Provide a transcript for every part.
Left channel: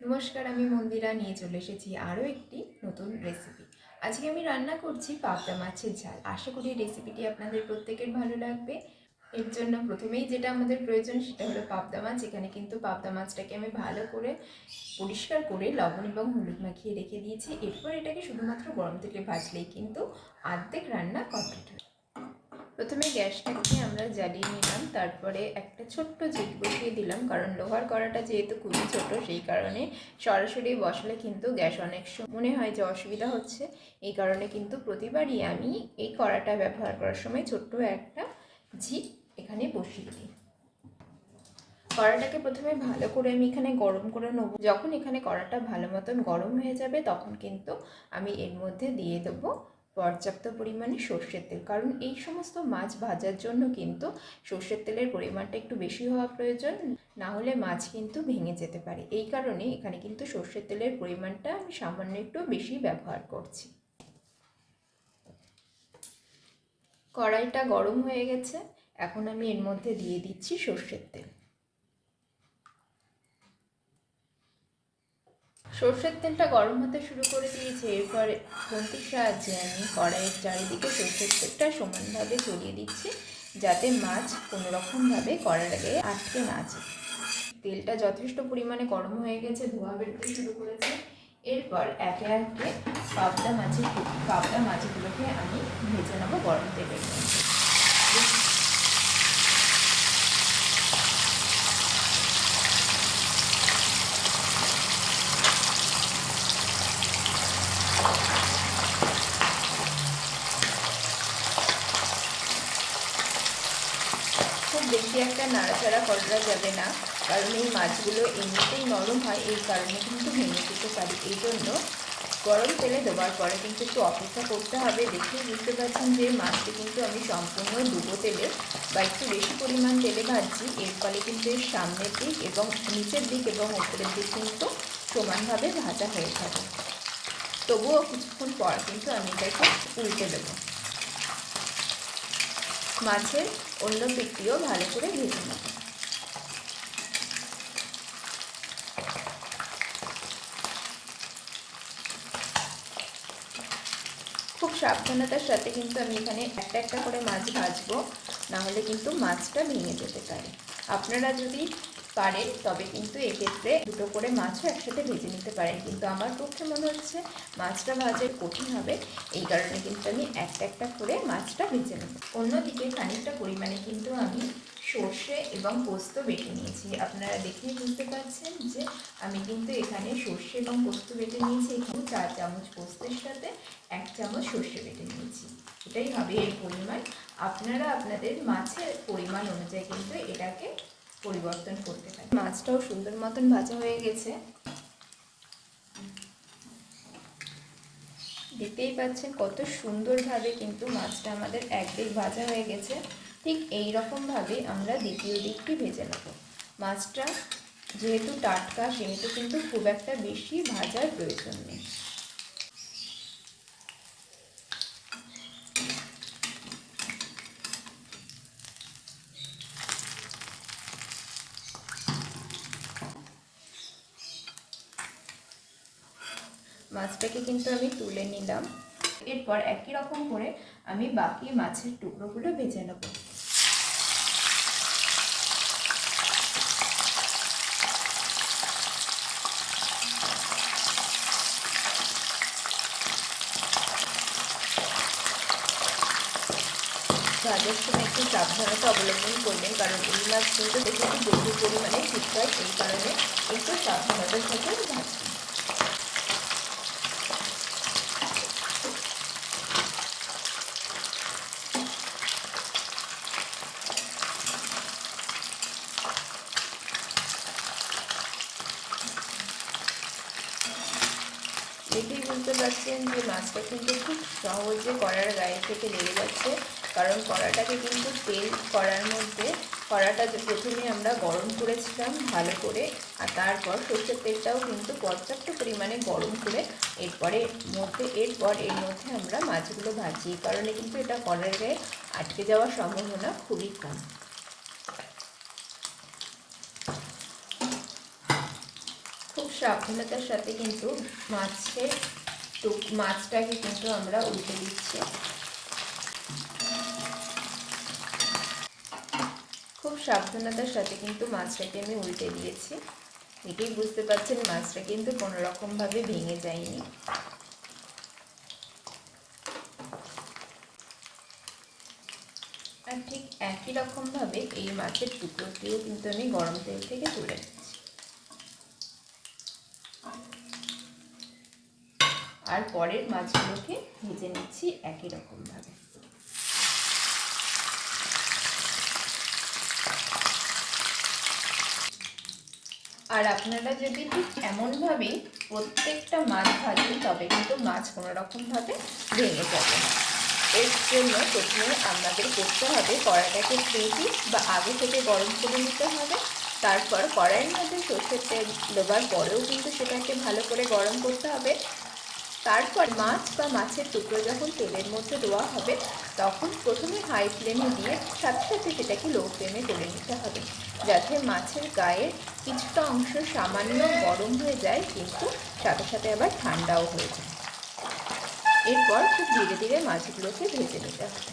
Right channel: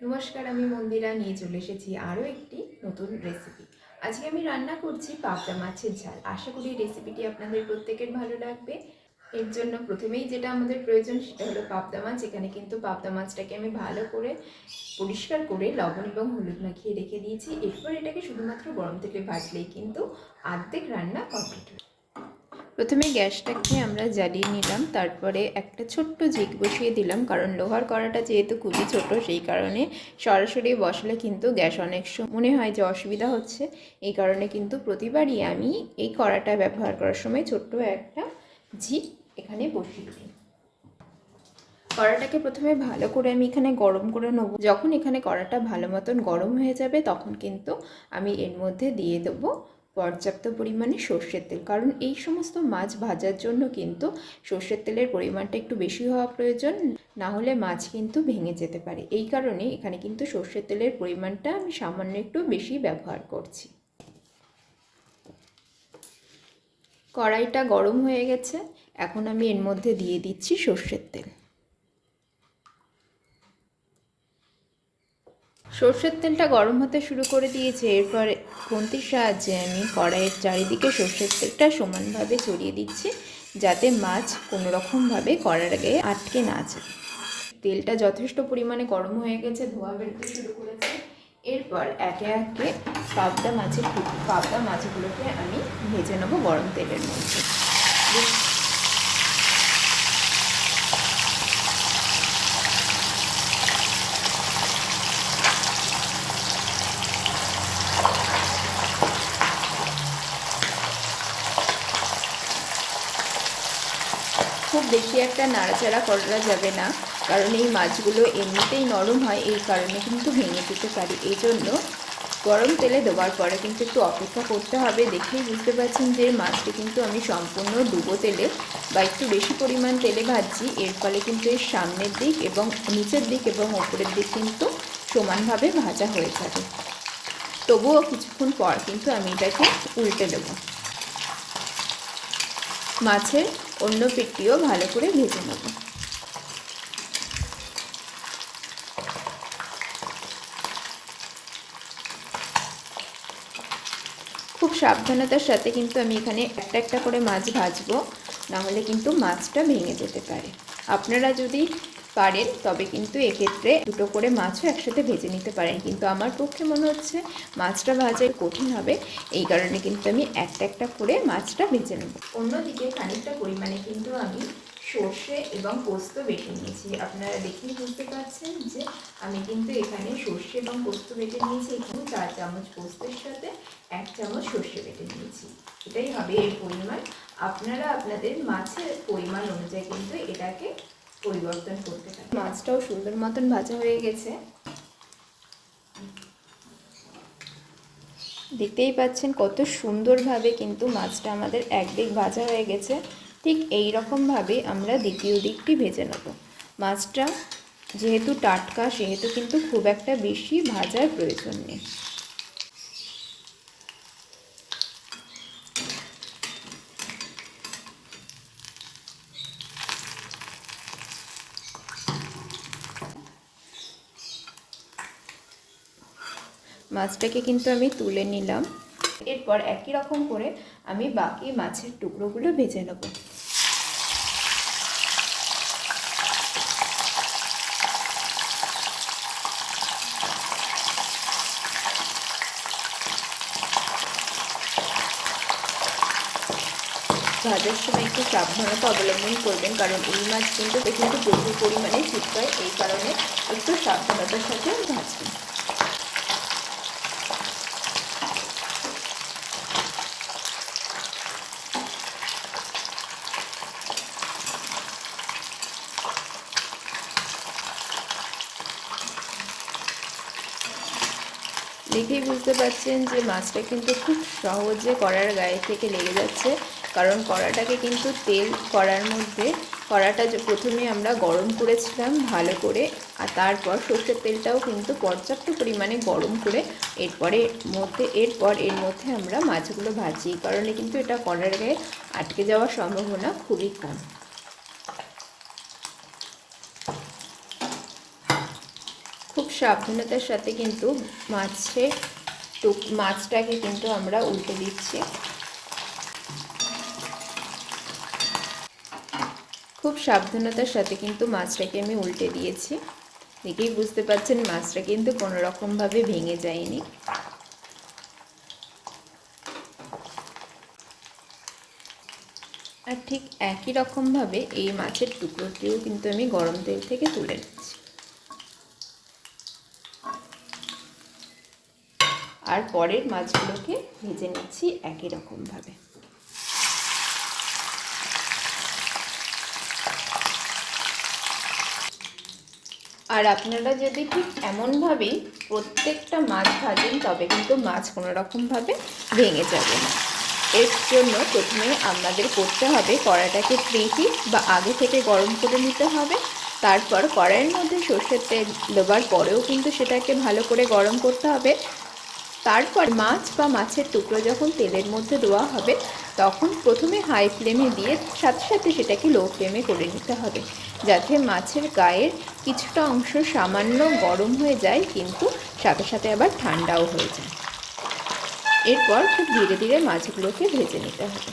নমস্কার, আমি মন্দিরা। নিয়ে চলে এসেছি আরও একটি নতুন রেসিপি আজকে আমি রান্না করছি পাবদা মাছের ঝাল। আশা করি রেসিপিটি আপনাদের প্রত্যেকের ভালো লাগবে। এর জন্য প্রথমেই যেটা আমাদের প্রয়োজন, সেটা হলো পাবদা মাছ। এখানে কিন্তু পাবদা মাছটাকে আমি ভালো করে পরিষ্কার করে লবণ এবং হলুদ মাখিয়ে রেখে দিয়েছি। এরপর এটাকে শুধুমাত্র গরম তেলে ভাজলেই কিন্তু আর্ধেক রান্না কমপ্লিট হয়ে প্রথমে গ্যাসটাকে আমরা জ্বালিয়ে নিলাম, তারপরে একটা ছোট্ট জিগ বসিয়ে দিলাম, কারণ লোহার কড়াটা যেহেতু খুবই ছোট, সেই কারণে সরাসরি বসালে কিন্তু গ্যাস অনেক মনে হয় যে অসুবিধা হচ্ছে। এই কারণে কিন্তু প্রতিবারই আমি এই কড়াটা ব্যবহার করার সময় ছোট্ট একটা ঝিক এখানে বসিয়ে দিই। কড়াটাকে প্রথমে ভালো করে আমি এখানে গরম করে নেব। যখন এখানে কড়াটা ভালো মতন গরম হয়ে যাবে, তখন কিন্তু আমি এর মধ্যে দিয়ে দেবো পর্যাপ্ত পরিমাণে সর্ষের তেল। কারণ এই সমস্ত মাছ ভাজার জন্য কিন্তু সর্ষের তেলের পরিমাণটা একটু বেশি হওয়া প্রয়োজন, না হলে মাছ কিন্তু ভেঙে যেতে পারে। এই কারণে এখানে কিন্তু সর্ষের তেলের পরিমাণটা আমি সামান্য একটু বেশি ব্যবহার করছি। কড়াইটা গরম হয়ে গেছে। এখন আমি এর মধ্যে দিয়ে দিচ্ছি সর্ষের তেল। সর্ষের তেলটা গরম হতে শুরু করে দিয়েছে। এরপর খুন্তির সাহায্যে আমি কড়াইয়ের চারিদিকে সর্ষের তেলটা সমানভাবে ছড়িয়ে দিচ্ছি, যাতে মাছ কোনোরকমভাবে কড়ার গায়ে আটকে না যায়। তেলটা যথেষ্ট পরিমাণে গরম হয়ে গেছে, ধোয়া বেরোতে শুরু করেছে। এরপর একে একে পাবদা মাছের পাবদা মাছগুলোকে আমি ভেজে নেব গরম তেলের মধ্যে খুব বেশি একটা নাড়াচাড়া করা যাবে না। কারণ এই মাছগুলো এমনিতেই নরম হয়, এই কারণে কিন্তু ভেঙে যেতে পারে। এই জন্য গরম তেলে দেওয়ার পরে কিন্তু একটু অপেক্ষা করতে হবে। দেখেই বুঝতে পারছেন যে মাছটি কিন্তু আমি সম্পূর্ণ ডুবো তেলে বা একটু বেশি পরিমাণ তেলে ভাজছি। এর ফলে কিন্তু এর সামনের দিক এবং নিচের দিক এবং ওপরের দিক কিন্তু সমানভাবে ভাজা হয়ে থাকে তবুও কিছুক্ষণ পর কিন্তু আমি এটাকে উল্টে দেবো। মাছের অন্য পিঠটিও ভালো করে ভেজে নেব। খুব সাবধানতার সাথে কিন্তু আমি এখানে একটা একটা করে মাছ ভাজবো, নাহলে কিন্তু মাছটা ভেঙে যেতে পারে। আপনারা যদি পারেন, তবে কিন্তু এক্ষেত্রে দুটো করে মাছও একসাথে ভেজে নিতে পারেন। কিন্তু আমার পক্ষে মনে হচ্ছে মাছটা ভাজা কঠিন হবে, এই কারণে কিন্তু আমি একটা একটা করে মাছটা ভেজে নেব। অন্যদিকে খানিকটা পরিমাণে কিন্তু আমি সর্ষে এবং পোস্ত বেটে নিয়েছি। আপনারা দেখেই বুঝতে পারছেন যে আমি কিন্তু এখানে সর্ষে এবং পোস্ত বেটে নিয়েছি। এখানে চার চামচ পোস্তের সাথে এক চামচ সর্ষে বেটে নিয়েছি। এটাই হবে এর পরিমাণ। আপনারা আপনাদের মাছের পরিমাণ অনুযায়ী কিন্তু এটাকে পরিবর্তন করতে পারি। মাছটাও সুন্দর মতন ভাজা হয়ে গেছে। দেখতেই পাচ্ছেন কত সুন্দরভাবে কিন্তু মাছটা আমাদের একদিক ভাজা হয়ে গেছে। ঠিক এই রকমভাবে আমরা দ্বিতীয় দিকটি ভেজে নেব। মাছটা যেহেতু টাটকা, সেহেতু কিন্তু খুব একটা বেশি ভাজার প্রয়োজন নেই। মাছটাকে কিন্তু আমি তুলে নিলাম। এরপর একই রকম করে আমি বাকি মাছের টুকরোগুলো ভেজে নেব। ভাজার সময় একটু সাবধানতা অবলম্বন করবেন, কারণ এই মাছ কিন্তু দেখে একটু প্রচুর পরিমাণে ছিটকায় এই কারণে একটু সাবধানতার সাথে ভাজবেন। দেখেই বুঝতে পারছেন যে মাছটা কিন্তু খুব সহজে কড়ার গায়ে থেকে লেগে যাচ্ছে। কারণ কড়াটাকে কিন্তু তেল কড়ার মধ্যে, কড়াটা প্রথমে আমরা গরম করেছিলাম ভালো করে, আর তারপর সর্ষের তেলটাও কিন্তু পর্যাপ্ত পরিমাণে গরম করে, এরপরে মধ্যে, এরপর এর মধ্যে আমরা মাছগুলো ভাজি। কারণে কিন্তু এটা কড়ার গায়ে আটকে যাওয়ার সম্ভাবনা খুবই কম। সাবধানতার সাথে কিন্তু টুক, মাছটাকে কিন্তু আমরা উল্টে দিচ্ছি। খুব সাবধানতার সাথে কিন্তু মাছটাকে আমি উল্টে দিয়েছি। দেখেই বুঝতে পারছেন মাছটা কিন্তু কোনো রকমভাবে ভেঙে যায়নি। আর ঠিক একই রকমভাবে এই মাছের টুকরোটিও কিন্তু আমি গরম তেল থেকে তুলে নিচ্ছি। আর পরের মাছগুলোকে ভেজে নিচ্ছি একই রকমভাবে। আর আপনারা যদি ঠিক এমনভাবেই প্রত্যেকটা মাছ ভাজেন, তবে কিন্তু মাছ কোনো রকমভাবে ভেঙে যাবে না। এর জন্য প্রথমে আপনাদের করতে হবে কড়াইটাকে প্রেহি বা আগে থেকে গরম করে নিতে হবে। তারপর কড়াইয়ের মধ্যে সর্ষের তেল দেওয়ার পরেও কিন্তু সেটাকে ভালো করে গরম করতে হবে। তারপর মাছ বা মাছের টুকরো যখন তেলের মধ্যে দেওয়া হবে, তখন প্রথমে হাই ফ্লেমে দিয়ে সাথে সাথে সেটাকে লো ফ্লেমে করে নিতে হবে, যাতে মাছের গায়ের কিছুটা অংশ সামান্য গরম হয়ে যায়, কিন্তু সাথে সাথে আবার ঠান্ডাও হয়ে যায়। এরপর খুব ধীরে ধীরে মাছগুলোকে ভেজে নিতে হবে।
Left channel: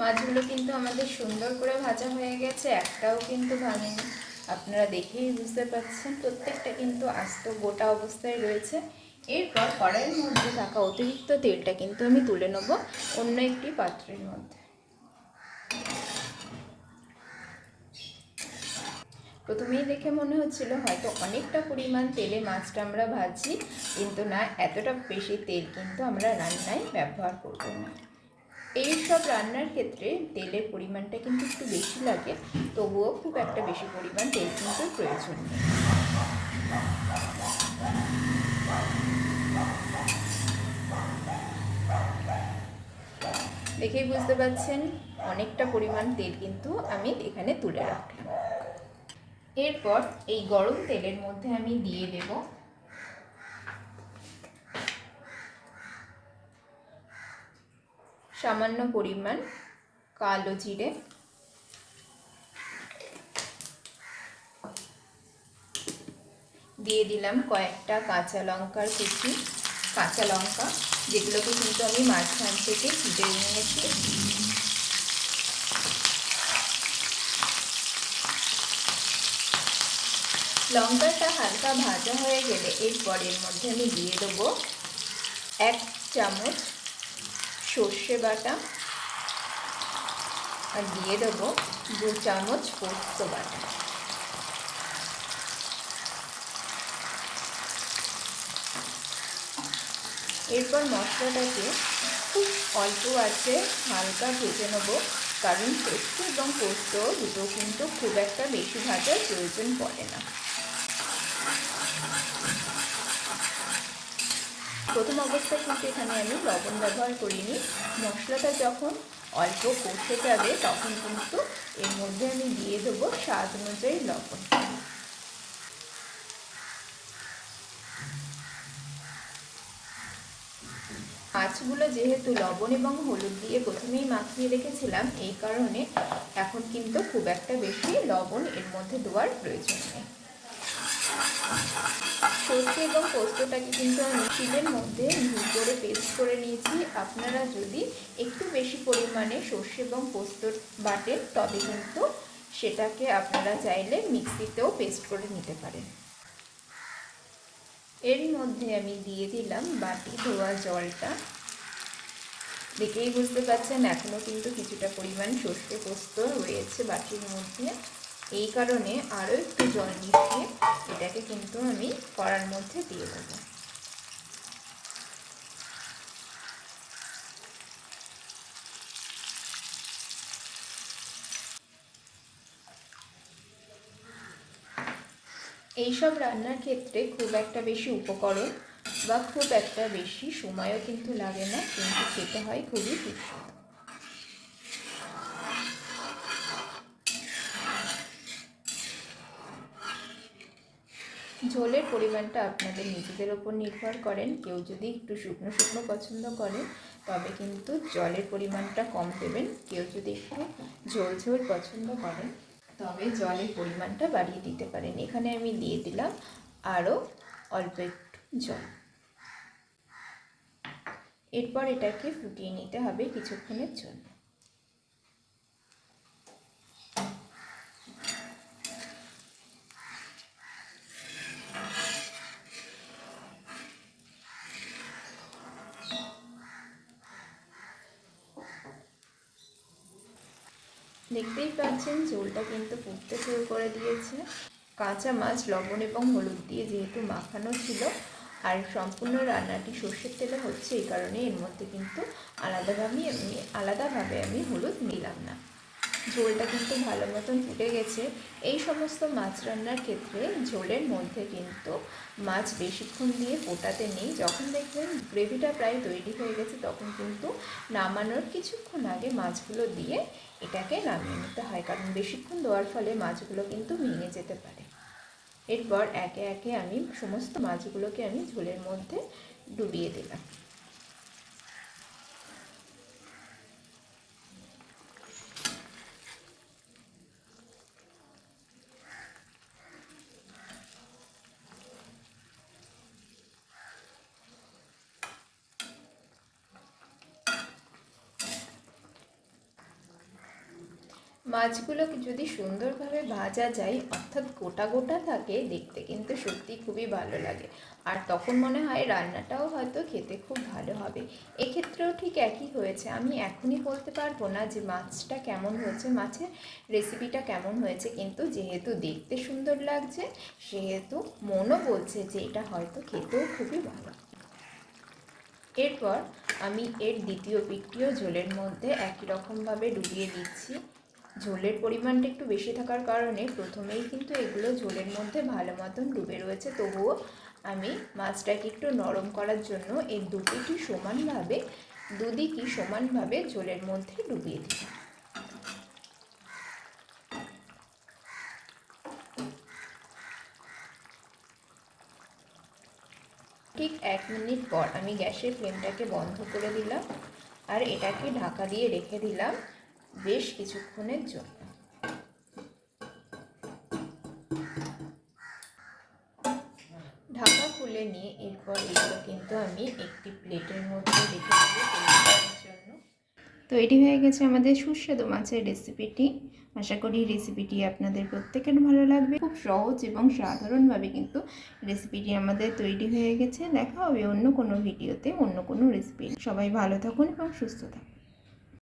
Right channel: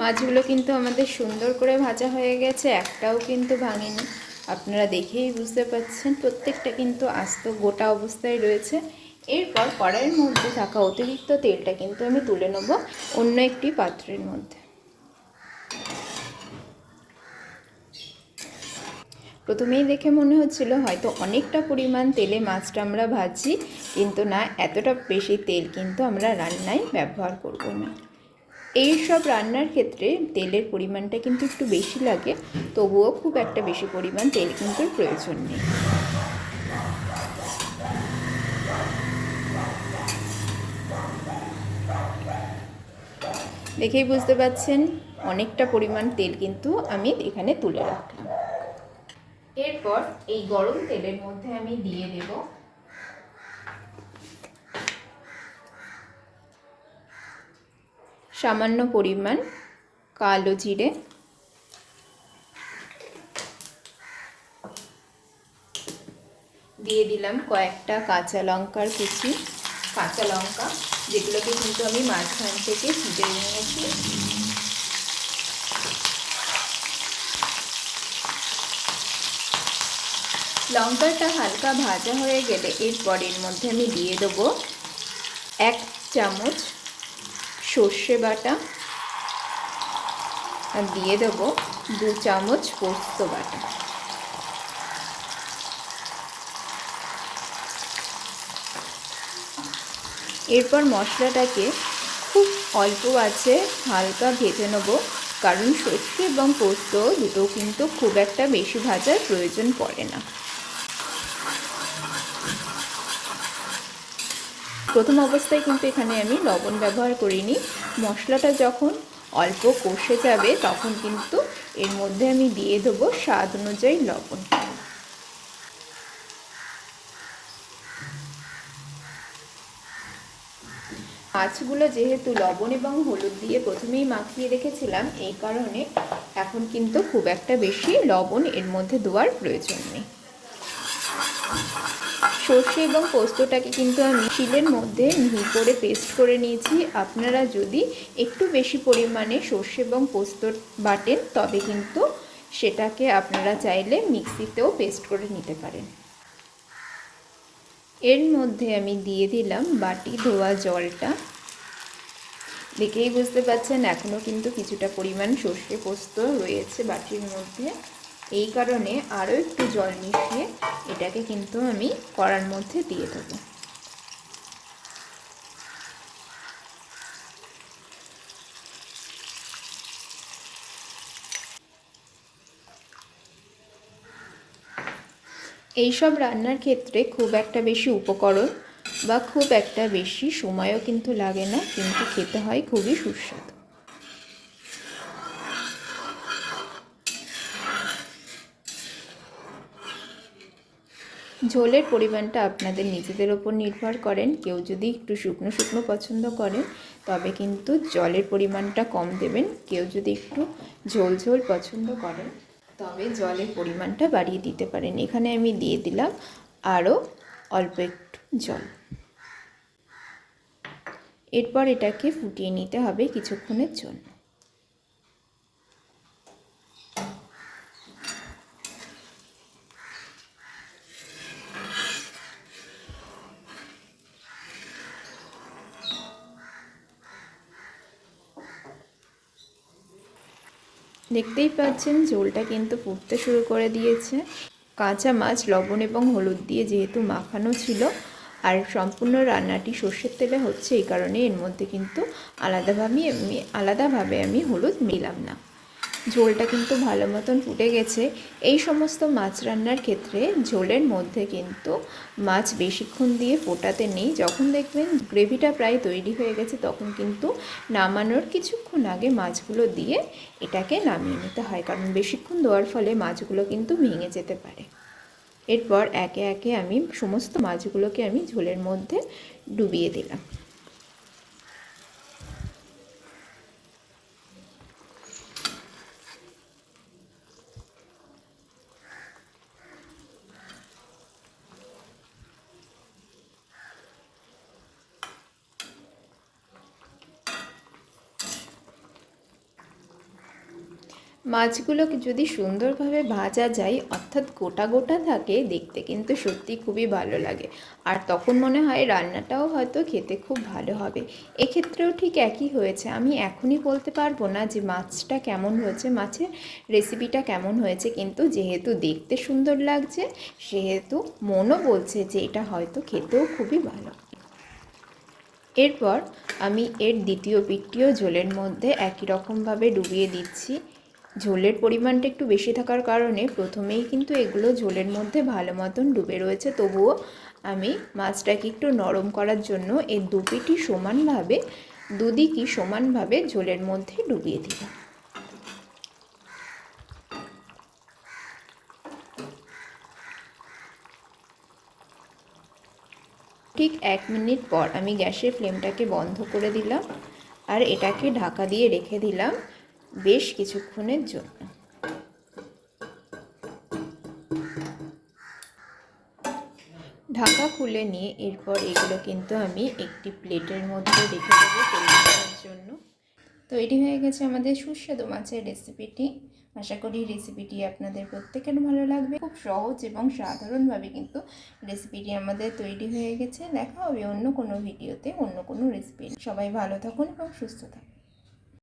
মাছগুলো কিন্তু আমাদের সুন্দর করে ভাজা হয়ে গেছে, একটাও কিন্তু ভাঙেনি। আপনারা দেখেই বুঝতে পাচ্ছেন প্রত্যেকটা কিন্তু আস্ত গোটা অবস্থায় রয়েছে। এরপর কড়াইয়ের মধ্যে থাকা অতিরিক্ত তেলটা কিন্তু আমি তুলে নেব অন্য একটি পাত্রের মধ্যে। প্রথমেই দেখে মনে হচ্ছিল হয়তো অনেকটা পরিমাণ তেলে মাছটা আমরা ভাজি কিন্তু না, এতটা বেশি তেল কিন্তু আমরা রান্নায় ব্যবহার করব না। এই সব রান্নার ক্ষেত্রে তেলের পরিমাণটা কিন্তু একটু বেশি লাগে, তবুও খুব একটা বেশি পরিমাণ তেল কিন্তু প্রয়োজন নেই। দেখেই বুঝতে পাচ্ছেন, অনেকটা পরিমাণ তেল কিন্তু আমি এখানে তুলে রাখলাম। এরপর এই গরম তেলের মধ্যে আমি দিয়ে দেব সামান্য পরিমাণ কালো জিরে। দিয়ে দিলাম কয়েকটা কাঁচা লঙ্কার কুচি। কাঁচা লঙ্কা, যেগুলোকে কিন্তু আমি মাঝখান থেকে ফুটে নিয়েছি। লঙ্কাটা হালকা ভাজা হয়ে গেলে এরপর এর মধ্যে আমি দিয়ে দেবো এক চামচ সর্ষে বাটা আর দিয়ে দেবো দু চামচ পোস্ত বাটা। এরপর মশলাটাকে খুব অল্প আছে, হালকা ভেজে নেব, কারণ সর্ষে এবং পোস্ত দুটো কিন্তু খুব একটা বেশি ভাজার প্রয়োজন পড়ে না। প্রথম অবস্থায় কিন্তু এখানে আমি লবণ ব্যবহার করিনি। মশলাটা যখন অল্প কষে যাবে, তখন কিন্তু এর মধ্যে আমি দিয়ে দেবো স্বাদ অনুযায়ী লবণ। মাছগুলো যেহেতু লবণ এবং হলুদ দিয়ে প্রথমেই মাখিয়ে রেখেছিলাম, এই কারণে এখন কিন্তু খুব একটা বেশি লবণ এর মধ্যে দেওয়ার প্রয়োজন নেই। সর্ষে এবং পোস্তটাকে কিন্তু আমি শিলের মধ্যে মিহি করে পেস্ট করে নিয়েছি। আপনারা যদি একটু বেশি পরিমাণে সর্ষে এবং পোস্ত বাটেন, তবে কিন্তু সেটাকে আপনারা চাইলে মিক্সিতেও পেস্ট করে নিতে পারেন। এর মধ্যে আমি দিয়ে দিলাম বাটি ধোয়া জলটা। দেখেই বুঝতে পারছেন এখনও কিন্তু কিছুটা পরিমাণ সর্ষে পোস্ত রয়েছে বাটির মধ্যে। এই কারণে আরও একটু জল মিশিয়ে এটাকে কিন্তু আমি কড়ার মধ্যে দিয়ে দেবো। এইসব রান্নার ক্ষেত্রে খুব একটা বেশি উপকরণ বা খুব একটা বেশি সময়ও কিন্তু লাগে না, কিন্তু খেতে হয় খুবই সুস্বাদু। ঝোলের পরিমাণটা আপনাদের নিজেদের ওপর নির্ভর করেন। কেউ যদি একটু শুকনো শুকনো পছন্দ করেন, তবে কিন্তু জলের পরিমাণটা কম দেবেন। কেউ যদি একটু ঝোল ঝোল পছন্দ করেন, তবে জলের পরিমাণটা বাড়িয়ে দিতে পারেন। এখানে আমি দিয়ে দিলাম আরও অল্প একটু জল। এরপর এটাকে ফুটিয়ে নিতে হবে কিছুক্ষণের জন্য। দেখতেই পাচ্ছেন ঝোলটা কিন্তু ফুটতে শুরু করে দিয়েছে। কাঁচা মাছ, লবণ এবং হলুদ দিয়ে যেহেতু মাখানো ছিল, আর সম্পূর্ণ রান্নাটি সর্ষের তেলে হচ্ছে এই কারণে এর মধ্যে কিন্তু আলাদাভাবে আলাদাভাবে আমি হলুদ মিলাম না। ঝোলটা কিন্তু ভালো মতন ফুটে গেছে। এই সমস্ত মাছ রান্নার ক্ষেত্রে ঝোলের মধ্যে কিন্তু মাছ বেশিক্ষণ দিয়ে ফোটাতে নেই। যখন দেখবেন গ্রেভিটা প্রায় তৈরি হয়ে গেছে, তখন কিন্তু নামানোর কিছুক্ষণ আগে মাছগুলো দিয়ে এটাকে নামিয়ে নিতে হয়। কারণ বেশিক্ষণ দেওয়ার ফলে মাছগুলো কিন্তু ভেঙে যেতে পারে। এরপর একে একে আমি সমস্ত মাছগুলোকে আমি ঝোলের মধ্যে ডুবিয়ে দিলাম। মাছগুলোকে যদি সুন্দরভাবে ভাজা যায়, অর্থাৎ গোটা গোটা থাকে, দেখতে কিন্তু সত্যি খুবই ভালো লাগে। আর তখন মনে হয় রান্নাটাও হয়তো খেতে খুব ভালো হবে। এক্ষেত্রেও ঠিক একই হয়েছে। আমি এখনই বলতে পারব না যে মাছটা কেমন হয়েছে, মাছের রেসিপিটা কেমন হয়েছে, কিন্তু যেহেতু দেখতে সুন্দর লাগছে, সেহেতু মনও বলছে যে এটা হয়তো খেতেও খুবই ভালো। এরপর আমি এর দ্বিতীয় পিঠটিও ঝোলের মধ্যে একই রকমভাবে ডুবিয়ে দিচ্ছি। ঝোলের পরিমাণটা একটু বেশি থাকার কারণে প্রথমেই কিন্তু এগুলো ঝোলের মধ্যে ভালো মতন ডুবে রয়েছে। তবুও আমি মাছটাকে একটু নরম করার জন্য এই দুপিটি সমানভাবে দুদিকই সমানভাবে ঝোলের মধ্যে ডুবিয়ে দিলাম। ঠিক এক মিনিট পর আমি গ্যাসের ফ্লেমটাকে বন্ধ করে দিলাম আর এটাকে ঢাকা দিয়ে রেখে দিলাম। বেশ কিছুক্ষণের জন্য। ঢাকা খুলে নিয়ে এরপর এগুলো কিন্তু আমি একটি প্লেটের মধ্যে রেখে দেবো জন্য। তো এটি হয়ে গেছে আমাদের সুস্বাদু মাছের রেসিপিটি। আশা করি রেসিপিটি আপনাদের প্রত্যেকের ভালো লাগবে। খুব সহজ এবং সাধারণভাবে কিন্তু রেসিপিটি আমাদের তৈরি হয়ে গেছে। দেখা হবে অন্য কোনো ভিডিওতে অন্য কোনো রেসিপি সবাই ভালো থাকুন এবং সুস্থ থাকুন।